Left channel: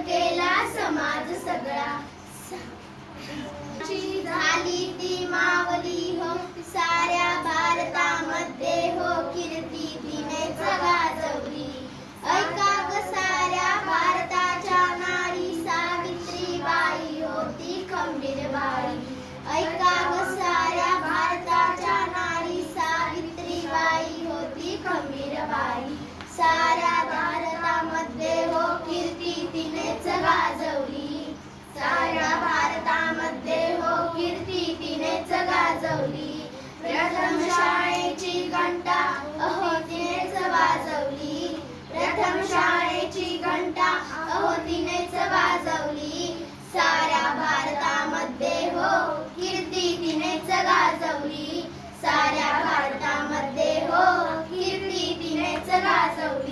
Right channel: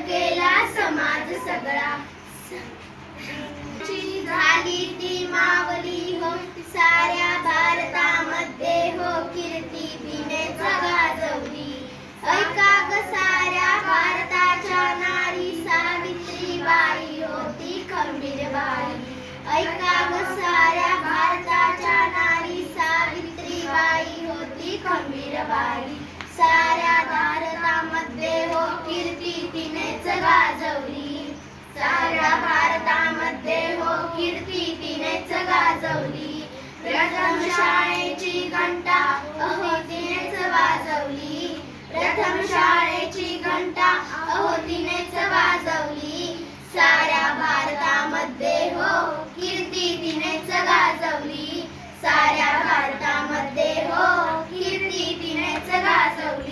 केला समाज सगळा. झाली ती मावली हो, साऱ्या भारतामध्ये हो, कीर्ती तिने गाजवली ऐका ग साऱ्या भारताच्या नारी, सावित्रीबाई होती खंबीरबाई ऐका ग साऱ्या प्रथम शाळेची घंटा अहो तिनेच वाजवली.